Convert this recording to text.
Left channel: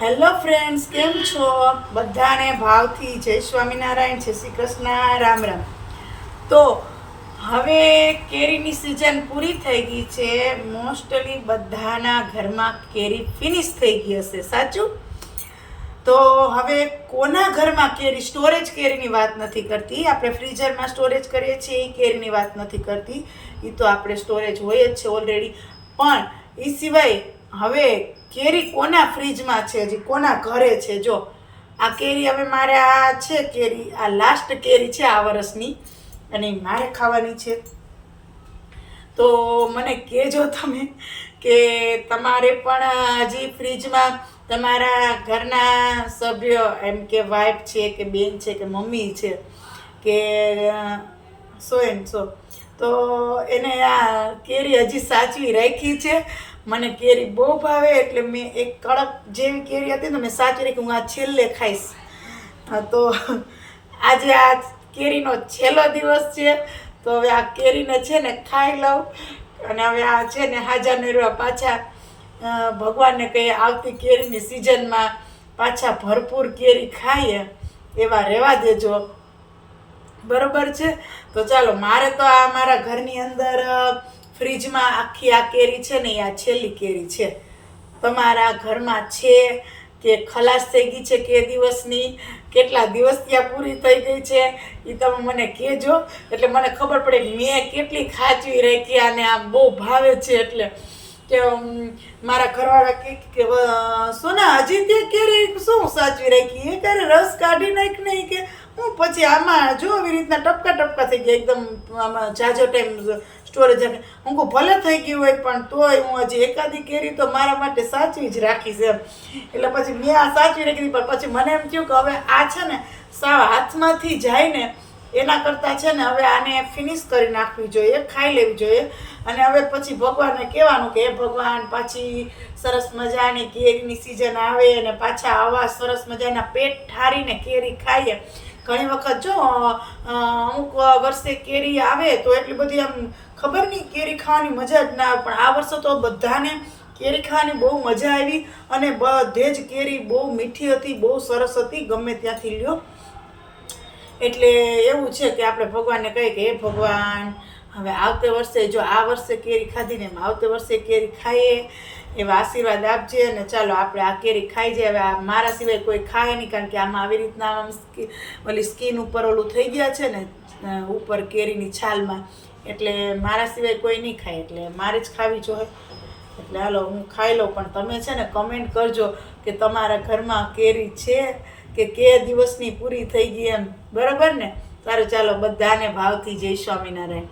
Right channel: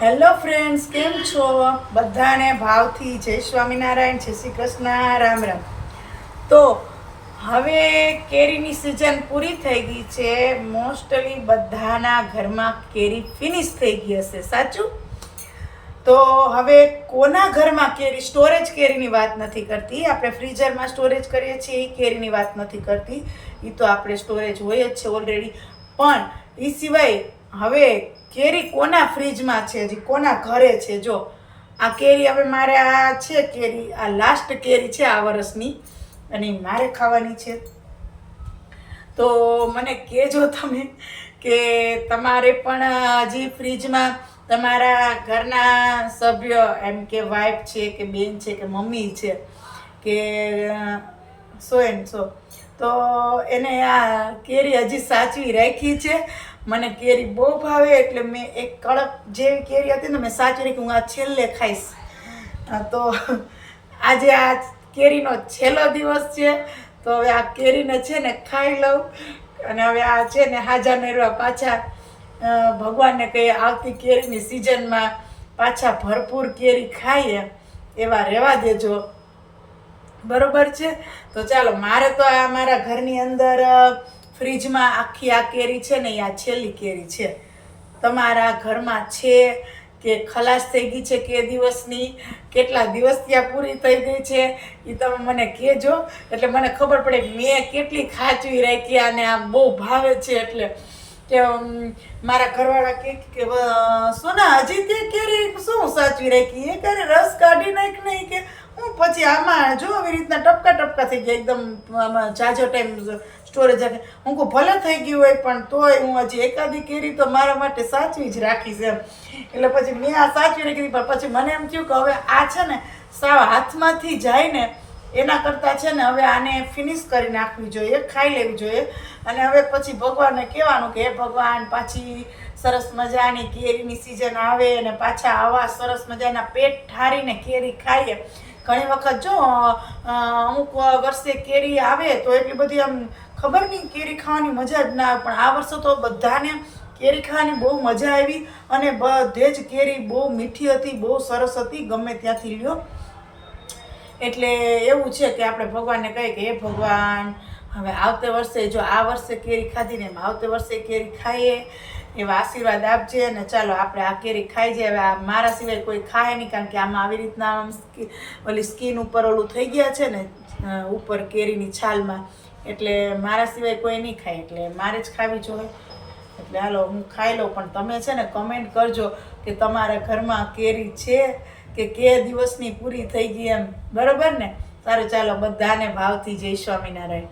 Hello friends, કેમ છો? બધાને ભાવથી જય સ્વામિનારાયણ, જય શ્રી કૃષ્ણ, રામ રામ. તો હવે કેરીની સિઝન પૂરી થઈ ગઈ છે. મોસ્ટલી બધાના ઘરમાં કેરી ફિનિશ થઈ ગઈ હશે, સાચું? તો હવે કોના ઘરમાં કેરી, સ્ટોરેજ કેરીની વાત નથી કરતી. આપણે ફ્રીઝરમાં સ્ટોરેજ કરીએ છીએ એ કેરીની વાત નથી કરતી. એ તો આપણે સ્ટોરેજ હોય જ છે ઓલરેડી. પણ એ સિવાય હવે કેરી કોના ફ્રીજમાં છે, હજી કોના ઘરે છે? જો આ કેરી હવે મારે આ છે કેરી, આ લાસ્ટ કેરી છે આ વર્ષની અને મારે ખાવાની છે. તો મને કહેજો તમે કે તમારે પણ હજી ફ્રીજમાં તમારા ઘરના સભ્ય, એમ કે વાઈફ છે કે બેન છે કે મમ્મી છે કે સો એન્ડ સો, તો એને આ કેરી હજી સાચવી રાખી છે. મને કેરી બહુ ભાવે એટલે મેં એક કડક જેવી કેરી હતી ને મેં સાચવી રાખી, હું આ છેલ્લે ખાઈશ. તો આજે આ કેરીનો છેલ્લો દિવસ છે. તો હવે આ કેરીને છે ને ખાઈ લઉં અને હવે આ છે ને હાજા નેરવા પાછા ભગવાનને કહીએ આવતી કેરીની સિઝનમાં પાછા ભરપૂર કેરી ખાઈએ એવા રહેવા દેજો, બરોબર છે? તો ચાલો, મારે તો આ મારા ઘરની અંદર ફ્રીજમાં આખી આ કેરી છે ને એ આ છેલ્લી કેરી છે. તમારા ઘરમાં છે કે ખલાસ થઈ ગઈ છે કે દિવસની, કેટલા દિવસ ત્યાં પૂરી થઈ ગઈ છે એ તમે મને કહેજો, એટલે મને ખબર પડે મેં કેટલી ખાચવી રાખી અને આમ બહુ ભાવે છે. એટલે કે મારા ઘરવાળા કે સોના હજી તે કેરી શું સાચવી રાખી, એ ક્યારે રસ કાઢી નાખ નહીં કે હું પછી આમાં જો આવી રીતના ટપકા ટપકા થઈ ગયા એકદમ, આમાં જાજો ટાઈમ સ્ટોરેજ. હું કહું ભલે થઈ ગયું હોય પણ તોય હું હજી એકાદી કેરી તો મારા માટે સાચવી જ રાખીશ એમ. એટલે પછી મેં આ સાચવી રાખી, પણ પછી મને એમ થયું કે હવે આ છે ને સાવ હાથમાંથી જાય ને એના કરતાં છે ને હવે આને ફિનિશ કરી નાખવી જોઈએ, ખાઈ લેવી જોઈએ. અને હવે પછી ભગવાનને કહેવાનું કે હે ભગવાન, પાછી સરસ મજાની કેરીની સિઝન આવે અને પાછા આવા સરસ મજાના પેટ ઠારીને કેરી ખાઈએ. ઘણી વખત જો અમુક વર્ષે કેરી આવે તો એટલી બધી આમ ખબર નહીં કેરી ખાવાની મજા જ ના આવે, પણ આ વર્ષે તો બધાને કેરી ખાવાની બહુ મજા આવી અને બધે જ કેરી બહુ મીઠી હતી, બહુ સરસ હતી, ગમે ત્યાંથી લ્યો. એટલે એવું છે કે આપણે ભગવાનને કહીએ કે હે ભગવાન, હવે આવતે વર્ષે જો આ વર્ષે કેરી ખાધી ને એમ આવતે વર્ષે કેરી ખાઈએ એવા આશીર્વાદ આપજે. અને ચાલો આપણે આ કેરી ખાઈ જાય. હવે આ મારા સિવાય કોઈ ખાય નહીં, કારણ કે આમાં આવી રીતના ઓલી સ્કીન ઉપર ઓલું થઈ ગયા છે ને ઉપર કેરીની છાલમાં, એટલે મારા સિવાય કોઈ નહીં ખાય, એટલે મારે જ ખાવી જોઈએ. એટલે હાલો હું ખાઈ લઉં, પણ તમે છે ને કમેન્ટ કરજો કે તમારા ઘરમાં કેરી છે કે દિવસની પૂરી થઈ ગઈ એમ, બરોબર ને? સારું, ચાલો, બધાને ભાવથી જય સ્વામિનારાયણ.